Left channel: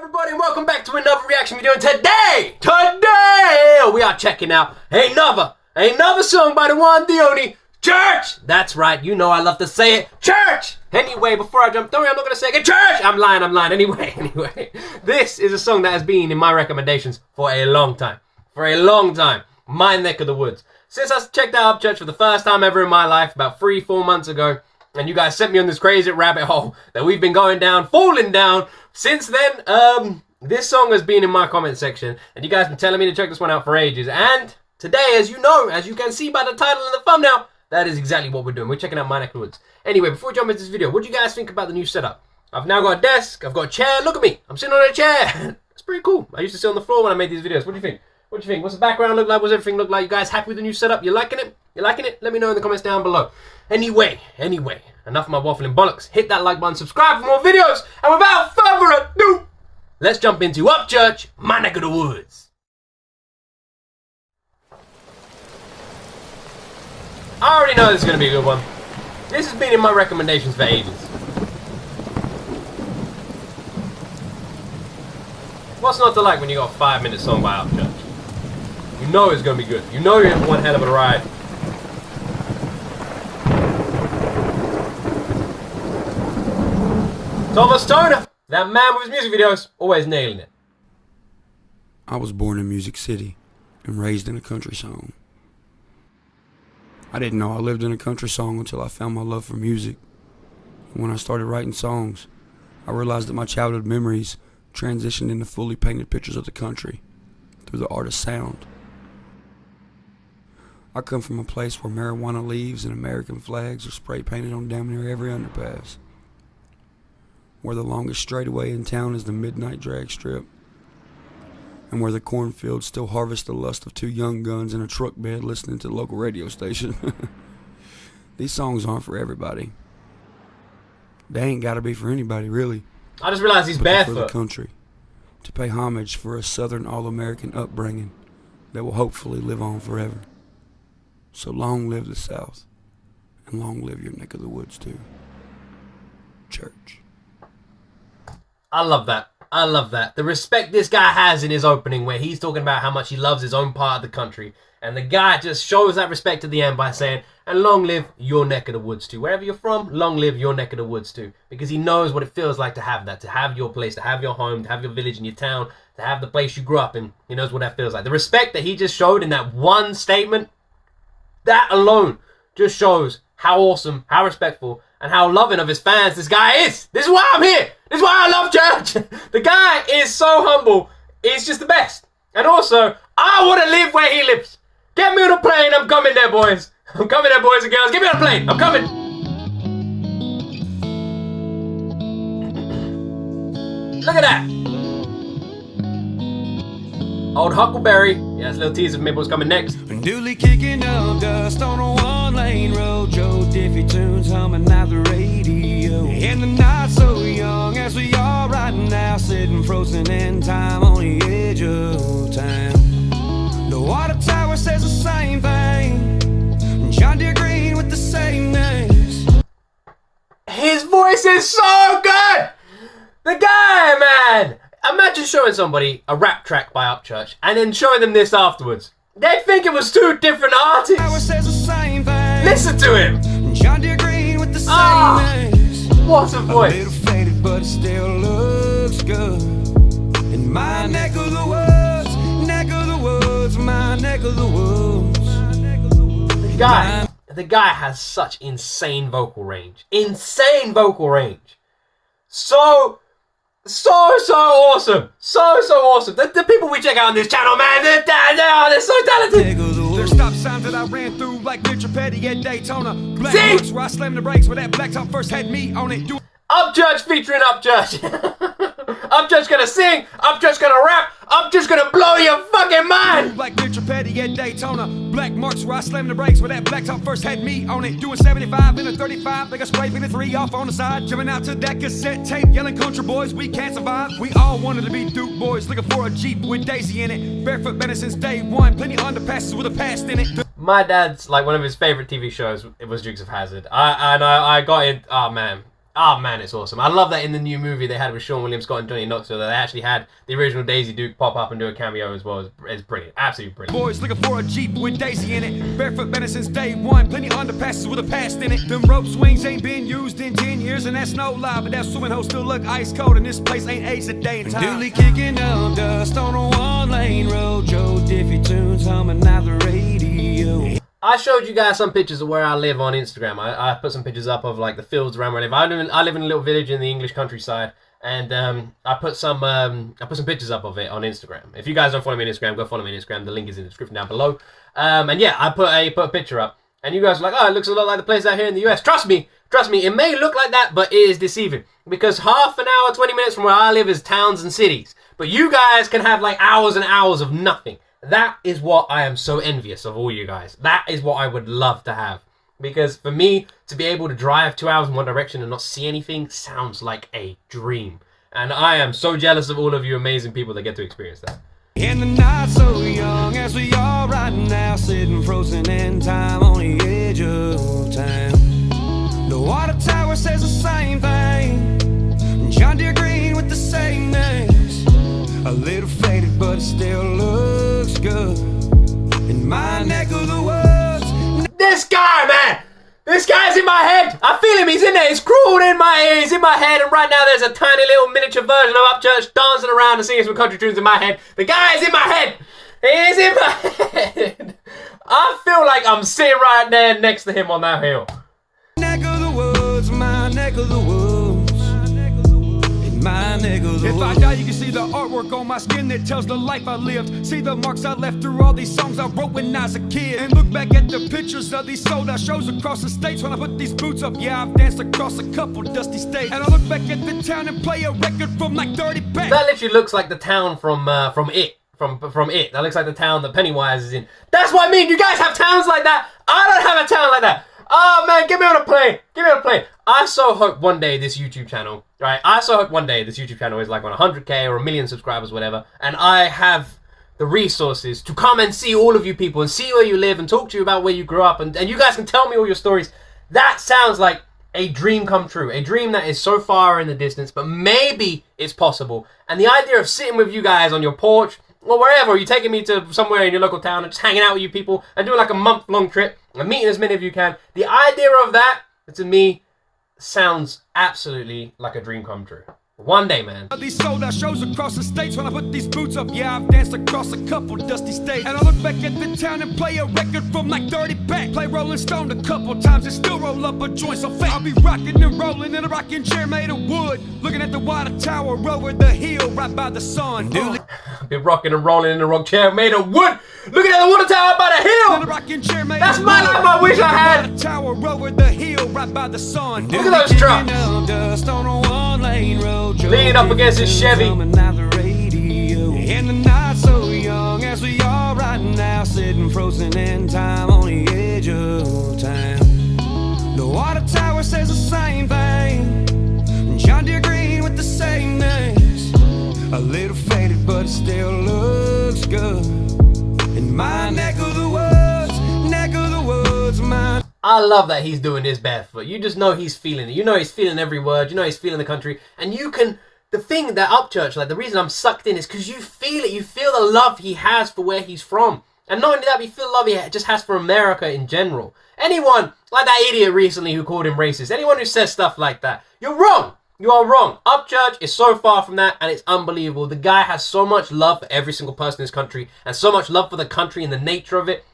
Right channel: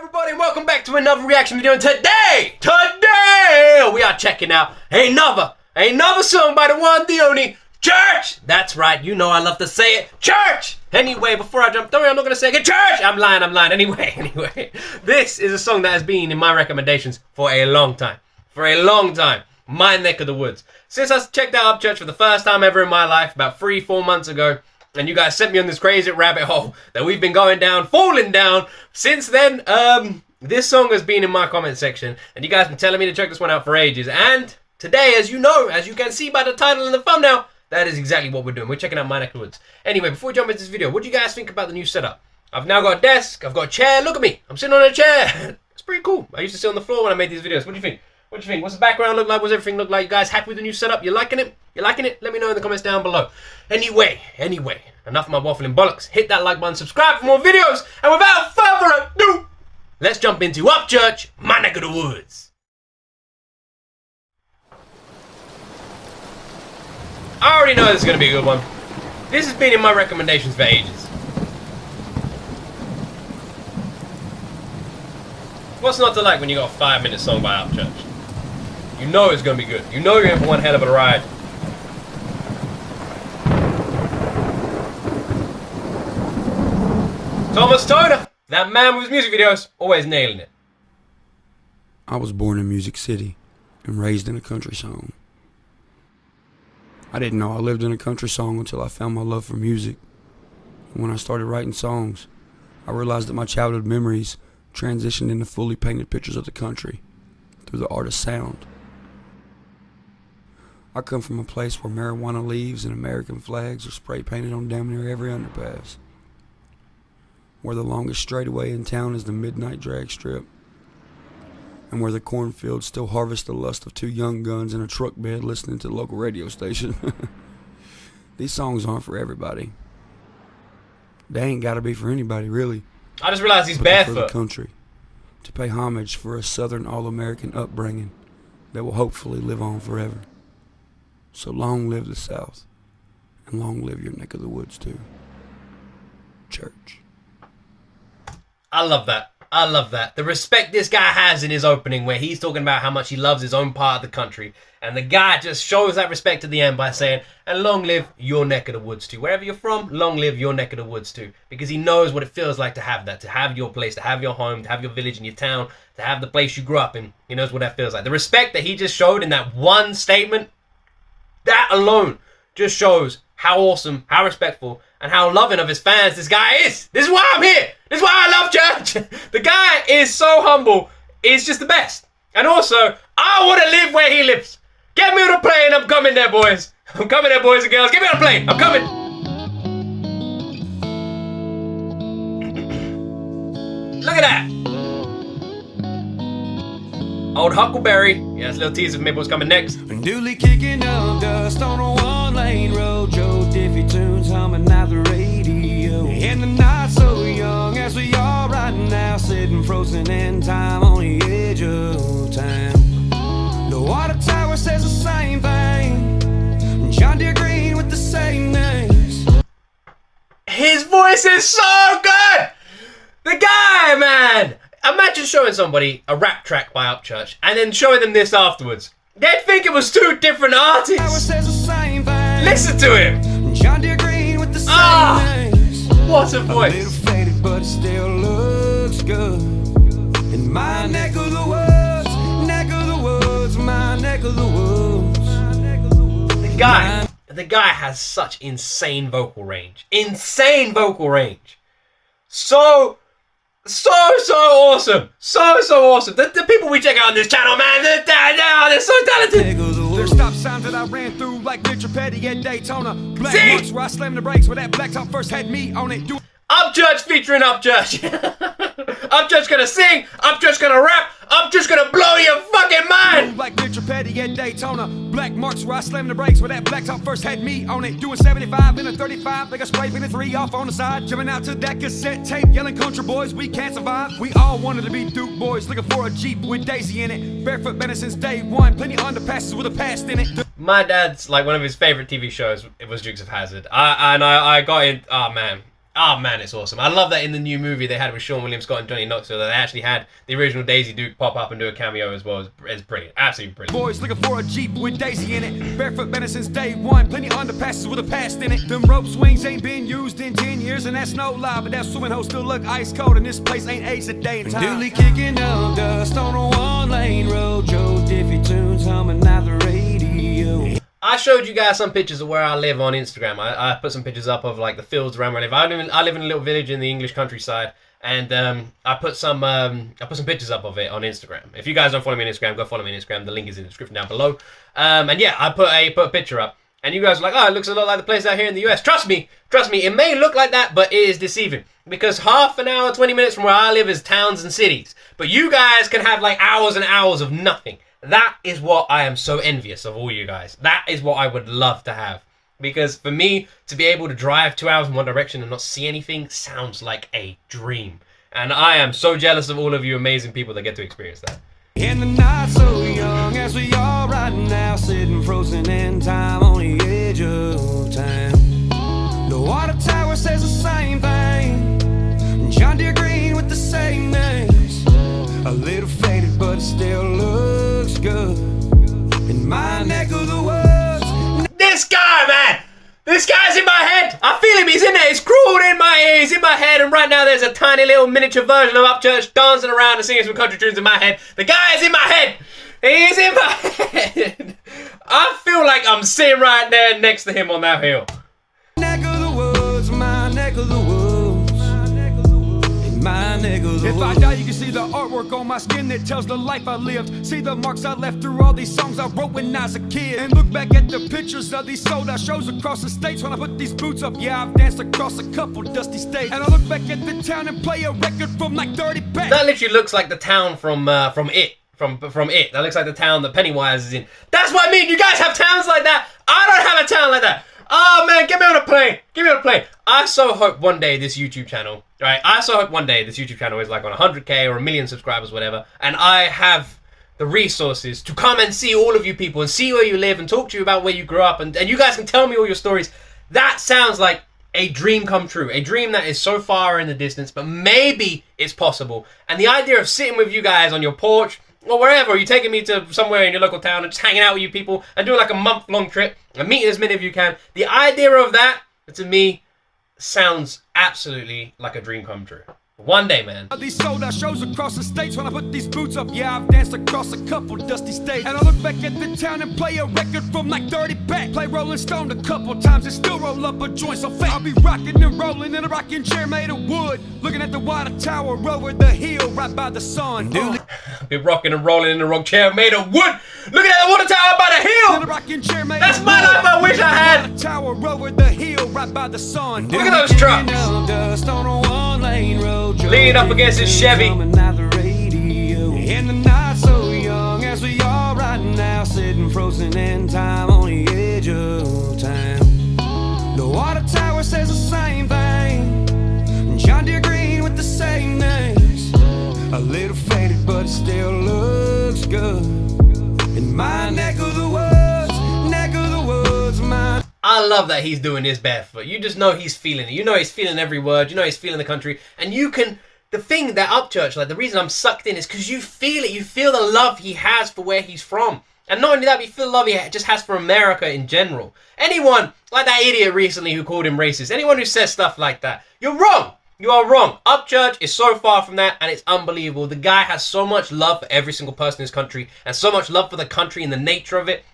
everybody, and welcome back to another reaction video. And today we are checking out another song by the one, the only Church. That's right, you know I love to say it, Church. Anyway, before I jump, don't worry, I'm not gonna say it again, Church. I'm lying. Anyway, this is a song that has been in my recommendations for a long time. My neck of the woods. Since I checked out Upchurch for the first time ever in my life about 3-4 months ago, and you guys sent me on this crazy rabbit hole that we've been falling down. Since then, this song has been in my comment section, and you guys have been telling me to check this one out for ages. And today, as you know, as you can see by the title and the thumbnail, that is exactly what we're doing. We're checking out my neck of the woods. Anyway, before we jump into this video, what do you guys think about the new setup? I've now got a desk, I've got a chair. Look at me, I'm sitting on a chair. It's pretty cool. I used to sit on the floor when I made these videos. What do you think? What do you think? What's the background look like? What's everything look like? You guys happy with the new setup? You liking it? You liking it? Let me know in the comments down below. Anyway, enough of my waffling bollocks. Hit that like button, subscribe for more videos, and without further ado, let's jump into Upchurch, my neck of the woods. I already know this is going to be a good one. This has been in my recommendations for ages. What's not to like when you got a 5-minute song by Upchurch? You know it's going to be good. You know you're in for one hell of a ride. Thomas Toner, that man with his music videos, always nailing it. I was born in Music City and raised in a country song. I didn't know I lived in a country song until I found my love for music. And when I started writing songs, I realized that my childhood memories transitioned into fully painted pictures of the country through the art of sound. I come from a place where marijuana leaves and American flags are spray painted on damn near every underpass, where the longest straightaway in town is the midnight drag strip, and where the cornfields still harvest the lust of 2 young guns in a truck bed listening to the local radio station. These songs aren't for everybody. They ain't gotta be for anybody, really. I just realized he's but barefoot. For the country, to pay homage for a Southern all-American upbringing that will hopefully live on forever. So long live the South, and long live your neck of the woods too. Church. I love that. I love that. The respect this guy has in his opening, where he's talking about how much he loves his own part of the country. And the guy just shows that respect at the end by saying, and long live your neck of the woods too. Wherever you're from, long live your neck of the woods too. Because he knows what it feels like to have that, to have your place, to have your home, to have your village and your town, to have the place you grew up in. He knows what that feels like. The respect that he just showed in that one statement, that alone just shows how awesome, how respectful, and how loving of his fans this guy is. This is why I'm here. This is why I love Church. The guy is so humble. He's just the best. And also, I want to live where he lives. Get me on a plane. I'm coming there, boys. I'm coming there, boys and girls. Get me on a plane. I'm coming. Look at that. Old Huckleberry. Yeah, that's a little teaser for me what's coming next. Newly kicking up dust on a 1-lane road. Joe Diffie tunes humming out the radio. And the night so young as we are right now, sitting frozen in time on the edge of town. The water tower says the same thing. John Deere Green with the same names. His voice is so good. The guy, man. Imagine showing somebody a rap track by Upchurch and then showing them this afterwards. They'd think it was 2 different artists. Listen to him. John Deere Green with the same names. What a voice. A little faded, but it still looks good. In my neck of the woods, neck of the woods, my neck of the woods. The guy has such insane vocal range. Insane vocal range. So awesome. So awesome. The people we check out on this channel, man, they're so talented. There's stop signs that I ran through like Mitchell Petty at Daytona. Black marks where I slammed the brakes where that blacktop first had me on it. Upchurch featuring Upchurch. Upchurch gonna sing, Upchurch gonna rap, Upchurch gonna blow your fucking mind. Like Mitchell Petty at Daytona. Black marks where I slammed the brakes where that blacktop first had me on it. Doing 75 in a 35, like a spray painted 3 off on the side. Jumping out to that cassette tape, yelling country boys, we can't survive. We all wanted to be Duke boys, looking for a Jeep with Daisy in it. Barefoot been since day one, plenty of underpasses with a past in it. My dad's, like, one of his favorite TV shows, it was Dukes of Hazzard. I got it, oh man. Oh man, it's awesome. I love that in the new movie they had with Sean William Scott and Johnny Knoxville that they actually had the original Daisy Duke pop up and do a cameo as well. It's brilliant. Absolutely brilliant. Boys looking for a Jeep with Daisy in it. Barefoot been since day one. Plenty of underpasses with a past in it. Them rope swings ain't been used in 10 years, and that's no lie. But that swimming hole still look ice cold, and this place ain't aged a day in time. Dooley kicking up dust on a one-lane road. Joe Diffie tunes humming out the radio. I showed you guys some pictures of where I live on Instagram. I put some pictures up of like the fields around where I live. I live in a little village in the English countryside, and I put some pictures up of it on Instagram. If you guys don't follow me on Instagram, go follow me on Instagram. The link is in the description down below. And yeah, I put a picture up, and you guys were like, oh, it looks a lot like the place out here in the US. Trust me, it may look like that, but it is deceiving because half an hour, 20 minutes from where I live is towns and cities. But you guys can have like hours and hours of nothing. That is what I am so envious of all you guys. That is what I would love to have. Because for me, to be able to drive 2 hours in one direction and not see anything sounds like a dream. And I am so jealous of all of you amazing people that get to experience that. In the night so young as we are right now, sitting frozen in time on the edge of town. The water tower says the same thing. John Deere Green with the same names. A little faded, but it still looks good. In my neck of the woods. This guy, man! This guy's in my head! I feel him, he's in there, he's crawled in my ear, he's in my head, and right now there's a tiny little miniature version of Upchurch dancing around and singing some country tunes in my head. The guy is in my head! He's in my head! I feel like I'm sitting right there next to him on that hill. Neck of the woods, my neck of the woods. My neck of the woods. If I die, you can see the artwork on my skin that tells the life I lived. See the marks I left through all these songs I wrote when I was a kid. And look back at the pictures of these sold out shows across the states. When I put these boots up, yeah, I've danced across a couple dusty states. And I look back at the town and play a record from like 30 back. That literally looks like the town from It. From It. That looks like the town that Pennywise is in. That's what I mean. You guys have towns like that. I don't have a town like that. Oh man, get me on a plane. Get me on a plane. I so hope one day this YouTube channel, right? I so hope one day this YouTube channel is like on 100K or 1 million subscribers, whatever. And I have the resources to come and see all of you people and see where you live and talk to you about where you grew up. And you guys can tell me all your stories. That sounds like a dream come true. A dream that is so far in the distance, but maybe it's possible. And the idea of sitting with you guys on your porch, or wherever, you're taking me to somewhere in your local town and just hanging out with you people and doing like a month-long trip and meeting as many of you can. The idea of that, to me, sounds absolutely like a dream come true. One day, man. These sold out shows across the states. When I put these boots up, yeah, I've danced across a couple dusty states. And I look back at the town and play a record from like 30 back. Play Rolling Stone a couple times and still roll up a joint so fat. I'll be rocking and rolling in a rocking chair made of wood, looking at the water tower over the hill right by the sun. Be rocking and rolling in the rock chair made of wood, looking at the water tower by the hill. In a rocking chair made That's of my wood. life I wish I had. Water tower over the hill right by the sun. Look at those trucks. Dust on a one-lane road. Leaning up against his Chevy. In the night so young as we are right now, sitting frozen in time on the edge of town. The water tower says the same thing. John Deere Green with the same names. A little faded, but it still looks good. In my neck of the woods, my. I love that he's doing this barefoot. You just know he's feeling it. You know he's feeling every word. You know he's feeling the country. And you can, the thing that Upchurch, like the reason I'm sucked in is because you feel it. You feel the love he has for where he's from. And not only that, but you feel the love he just has for America in general. Anyone, like that idiot recently who called him racist, anyone who says stuff like that, you're wrong. You are wrong. Upchurch is so far from that, and it's unbelievable. The guy has so much love for every single person in this country, and so much love for the country and the nature of it.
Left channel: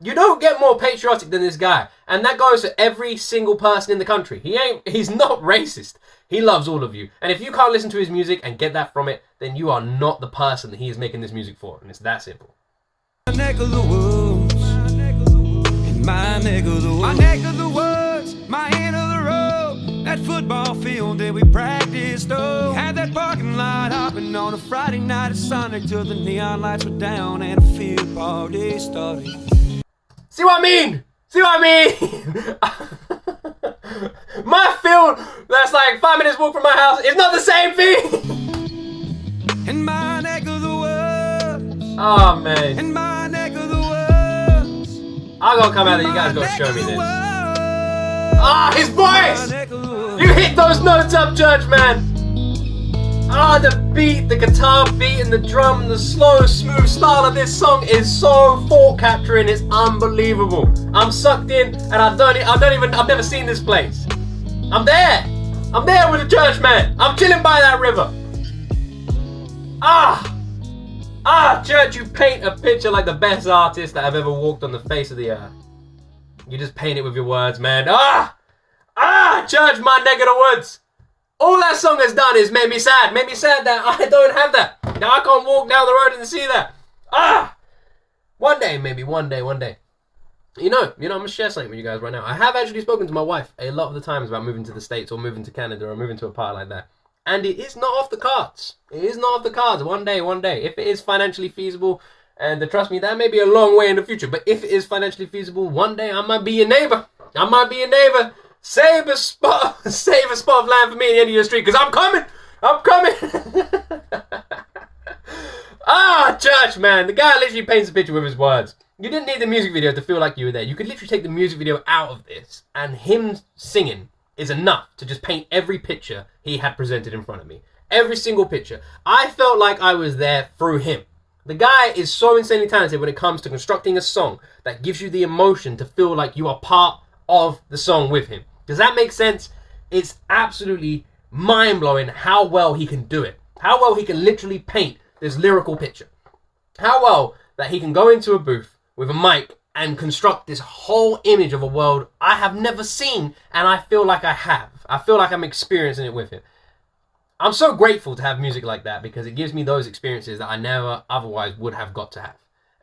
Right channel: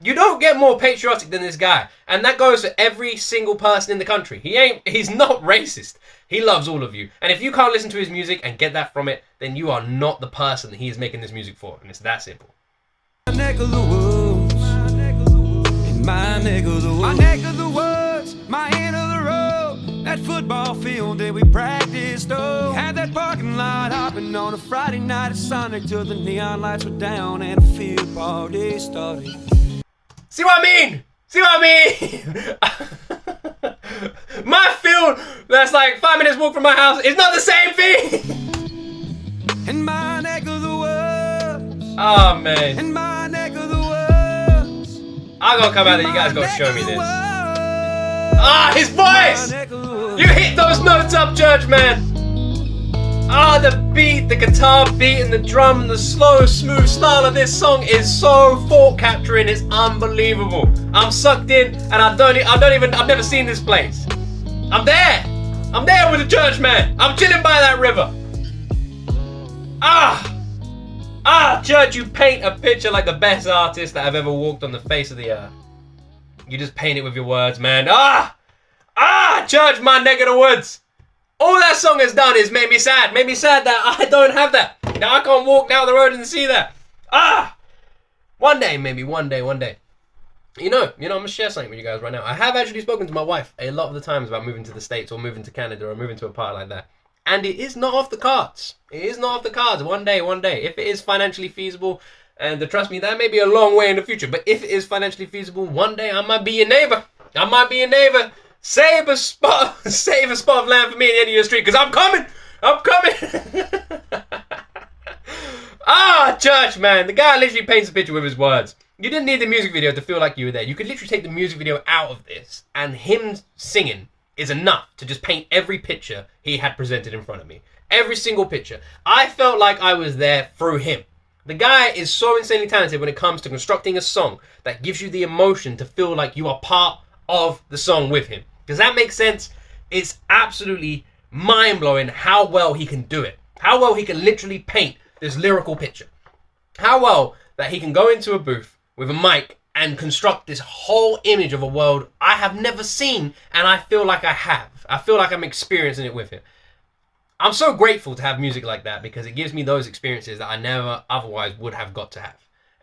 You don't get more patriotic than this guy. And that goes for every single person in the country. He's not racist. He loves all of you. And if you can't listen to his music and get that from it, then you are not the person that he is making this music for. And it's that simple. My neck of the woods. In my neck of the woods. My neck of the woods. My end of the road. That football field that we practiced. Oh, had that parking lot hopping on a Friday night at Sonic till the neon lights were down and a field party started. See what I mean? See what I mean? My field that's like 5 minutes walk from my house is not the same thing. In my neck of the woods. Oh man. In my neck of the woods. I'm gonna come out there, you guys gotta show me this. Ah, his voice! You hit those notes up, Church, man. Ah, the beat, the guitar beat, and the drum, the slow, smooth style of this song is so thought capturing. It's unbelievable. I'm sucked in, and I've never seen this place. I'm there with the Church, man. I'm chilling by that river. Church, you paint a picture like the best artist that I've ever walked on the face of the earth. You just paint it with your words, man. Church, my neck of the woods. All that song has done is made me sad. Made me sad that I don't have that. Now I can't walk down the road and see that. One day, maybe one day. You know, I'm gonna share something with you guys right now. I have actually spoken to my wife a lot of the times about moving to the States or moving to Canada or moving to a part like that. And it is not off the cards. It is not off the cards. One day. If it is financially feasible, and trust me, that may be a long way in the future, but if it is financially feasible, one day I might be your neighbor. Save a spot of land for me at the end of your street, because I'm coming. Church, man. The guy literally paints a picture with his words. You didn't need the music video to feel like you were there. You could literally take the music video out of this, and him singing is enough to just paint every picture he had presented in front of me. Every single picture. I felt like I was there through him. The guy is so insanely talented when it comes to constructing a song that gives you the emotion to feel like you are part of the song with him. Does that make sense? It's absolutely mind-blowing how well he can do it. How well he can literally paint this lyrical picture. How well that he can go into a booth with a mic and construct this whole image of a world I have never seen, and I feel like I have. I feel like I'm experiencing it with him. I'm so grateful to have music like that because it gives me those experiences that I never otherwise would have got to have.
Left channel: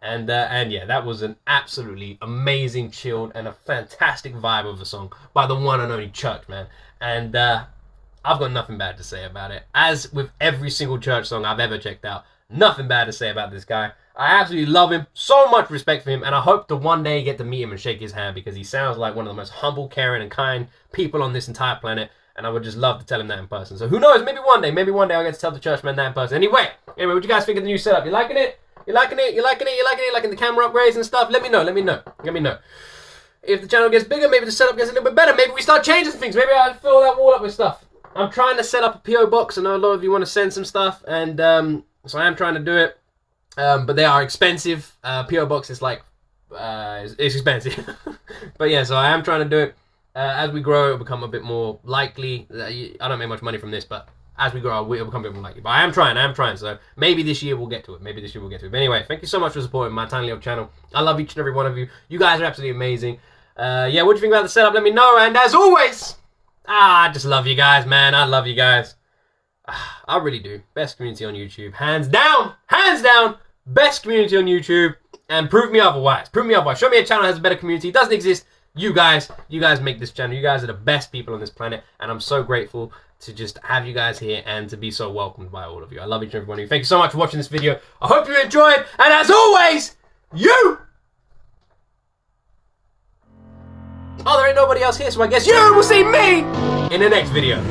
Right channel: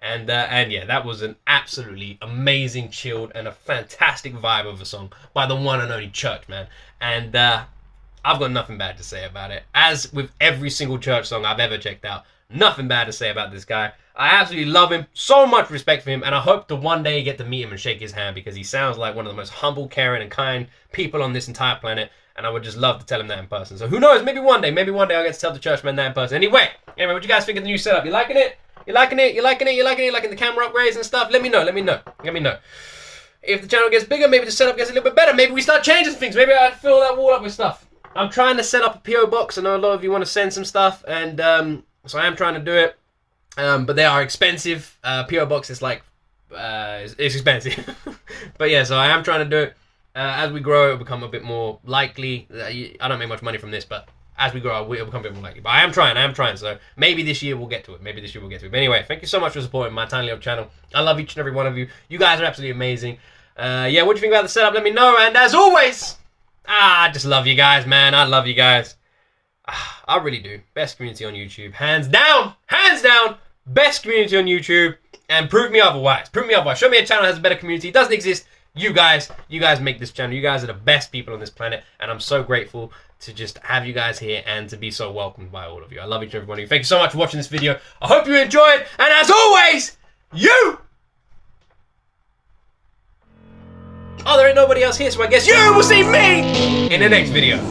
And yeah, that was an absolutely amazing, chilled, and a fantastic vibe of a song by the one and only Church, man. And I've got nothing bad to say about it. As with every single Church song I've ever checked out, nothing bad to say about this guy. I absolutely love him, so much respect for him, and I hope to one day get to meet him and shake his hand because he sounds like one of the most humble, caring, and kind people on this entire planet, and I would just love to tell him that in person. So who knows, maybe one day I'll get to tell the Church man that in person. Anyway, what you guys think of the new setup? You liking it? You liking the camera upgrades and stuff? Let me know. If the channel gets bigger, maybe the setup gets a little bit better. Maybe we start changing things. Maybe I fill that wall up with stuff. I'm trying to set up a P.O. box. I know a lot of you want to send some stuff, and so I am trying to do it. But they are expensive. P.O. box is like, it's expensive. But yeah, so I am trying to do it. As we grow, it'll become a bit more likely. I don't make much money from this, but as we grow, it'll become a bit more likely. But I am trying. So maybe this year we'll get to it. But anyway, thank you so much for supporting my tiny little channel. I love each and every one of you. You guys are absolutely amazing. Yeah, what do you think about the setup? Let me know. And as always, I just love you guys, man. I love you guys. I really do. Best community on YouTube. Hands down. Best community on YouTube. And prove me otherwise. Show me a channel that has a better community. It doesn't exist. You guys make this channel. You guys are the best people on this planet. And I'm so grateful to just have you guys here and to be so welcomed by all of you. I love each and every one of you. Thank you so much for watching this video. I hope you enjoyed. And as always, there ain't nobody else here, so I guess you will see me in the next video.